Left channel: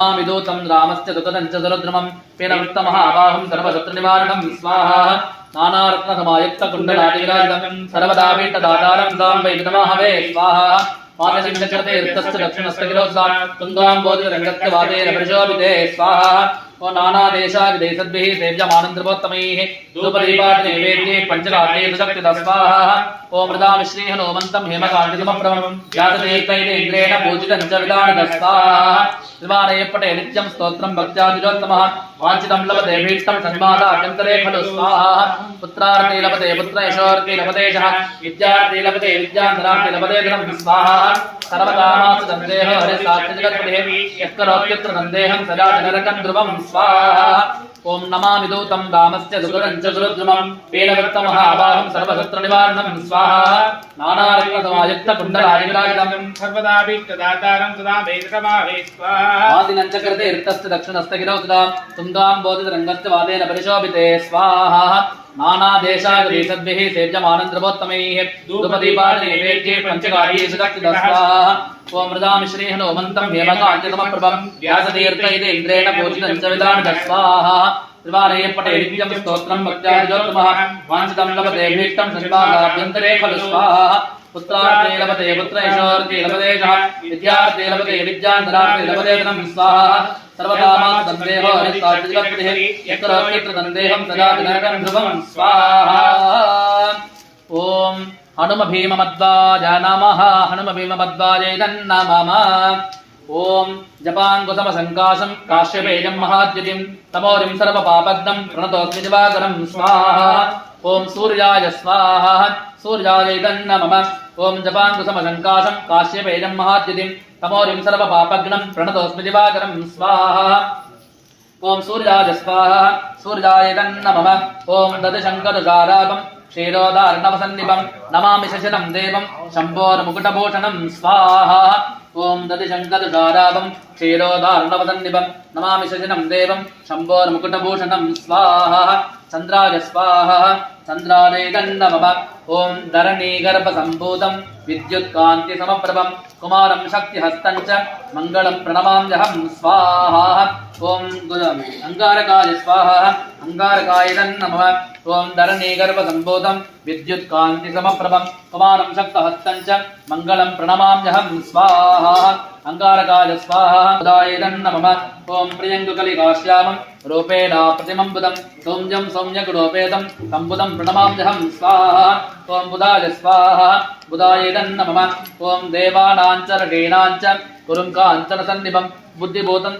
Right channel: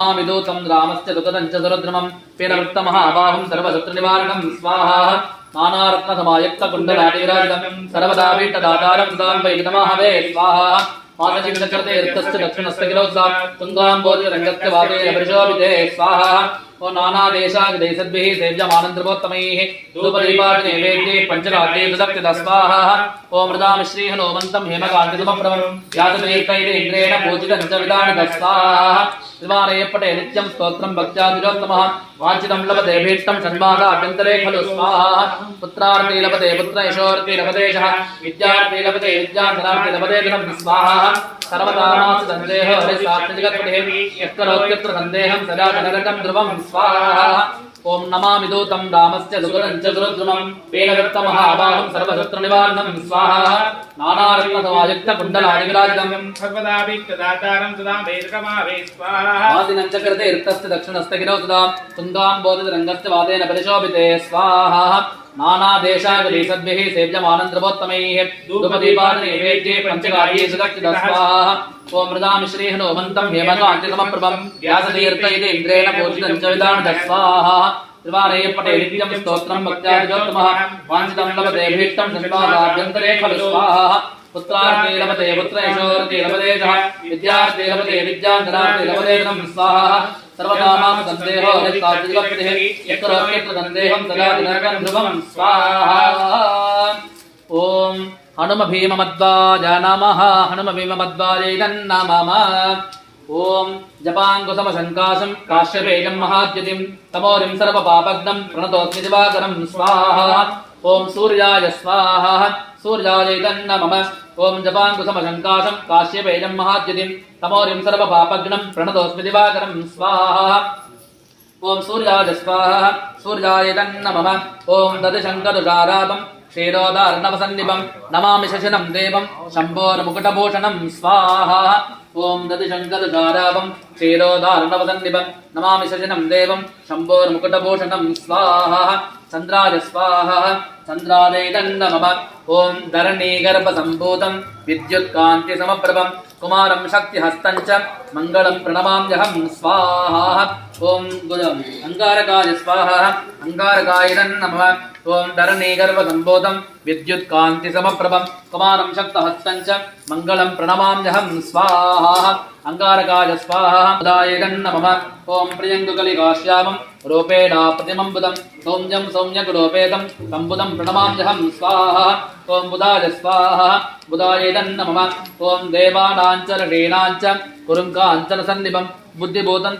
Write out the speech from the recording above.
विदूतं रामस्य दुःखदं च सुरद्रुमं पीनवृत्तमहाबाहुं सर्वशत्रुनिवारणं स्वाहा नानारत्नसमायुक्तकुण्डलादिविराजितं सर्वदा पीठदातारं दां वै नमः स्वाहा मातचिन्तकृते ऋतस्य दक्षिणस्य किलोत्सां तुङ्गाम्बोधिरङ्गस्य वातेन परिशोभिते स्वाहा ओ नानादेशादिदेशद्भिः सेव्यमानन्द्रवोत्तमैः धूपदीपादिनैवेद्ये पञ्चरात्रे सुदक्षित स्वाहा ओ मृदामिश्रीः नोमन्तं हेमकान्तिसमप्रभं व्यासतीर्थैः इन्द्रेण पूजितं च विधानद स्वाहा विमानयपटे नित्यं स्तोत्रं भक्त्यादिलोत्तमः वाञ्छितं लभते भीष्टं सन्मादाभ्यन्तरे खलु स्वाहा पुत्रार्थे लभते पुत्र यशोर्थे लभते यशः विद्यार्थे लभते विद्याधनार्थे लभते धनं स्वाहा सर्वकामास्तु सन्देहो हरिसात्मजगत्पतेः यः करोत्यत्र सन्देहं सदा जनरकं ध्रुवं स्वाहा ओम नमामि दूतं रामस्य दुःखदं च सुरद्रुमं पीनवृत्तमहाबाहुं सर्वशत्रुनिवारणं स्वाहा नानारत्नसमायुक्तकुण्डलादिविराजितं सर्वदा पीठदातारं सदा वेदकमावे स्वाहा आदिनं च कृते ऋतस्य दक्षिणस्य गिरौ सदा तुङ्गाम्बोधिरङ्गस्य वातेन परिशोभिते स्वाहा नानादेशादिदेशद्भिः सेव्यमानन्द्रवोत्तमैः धूपदीपादिनैवेद्ये पञ्चकार्ये सुदक्षित स्वाहा ओं मृदामिश्रीः नोमन्तं हेमकान्तिसमप्रभं व्यासतीर्थैः इन्द्रेण पूजितं च विधानद स्वाहा त्रिवारयपटे नित्यं स्तोत्रं भक्त्यादिलोत्तमः वाञ्छितं लभते भीष्टं सन्निवासाभ्यन्तरे खलु स्वाहा पुत्रार्थे लभते पुत्र यशोर्थे लभते यशः विद्यार्थे लभते विद्याधनार्थे लभते धनं स्वाहा सर्वकामास्तु सन्देहो हरिसात्मजगत्पतेः यः करोत्यत्र सन्देहं सदा जनरकं ध्रुवं स्वाहा ओम हनुम भीममद्वाज नमः हनुम भीममद्वाजै नमः ओम जपाङ्कुशमशङ्काशं काश्यपेयं महाद्युतिं तमोरिं सर्वपापघ्नं प्रणतोऽस्मि दिवाकरं स्वाहा ओम सूर्याय स्वाहा सूर्यायै नमः ओम जपाङ्कुशमशङ्काशं काश्यपेयं महाद्युतिं तमोरिं सर्वपापघ्नं प्रणतोऽस्मि दिवाकरं स्वाहा ओम सूर्याय स्वाहा सूर्याय नमः ओम ददशङ्करजारापं क्षीरोदार्णवसन्निभं नमामि शशिनं देवं शम्भोर्मुकुटभूषणं स्वाहा ओं ददिशङ्करजारापं क्षीरोदार्णवसन्निभं नमामि शशिनं देवं शम्भोर्मुकुटभूषणं स्वाहा चन्द्राय स्वाहा चन्द्रायै नमः ओं धरणीगर्भसम्भूतं विद्युत्कान्तिसमप्रभं कुमारं शक्तिहस्तं च मङ्गलं प्रणमाम्यहं स्वाहा ओं अङ्गारकाय स्वाहा अङ्गारकाय नमः ओं धरणीगर्भसम्भूतं विद्युत्कान्तिसमप्रभं कुमारं शक्तिहस्तं च मङ्गलं प्रणमाम्यहं स्वाहा अङ्गारकाय स्वाहा उदाय नमः ओं प्रियङ्गुकलिकाश्यामं रूपेण प्रतिमं सौम्यं सौम्यगुणोपेतं सम्बुधं प्रणमाम्यहं स्वाहा ओं बुधाय स्वाहा बुधाय नमः ओं देवानां च ऋषीणां च कुरुं काञ्चनसन्निभं बुद्धिभूतं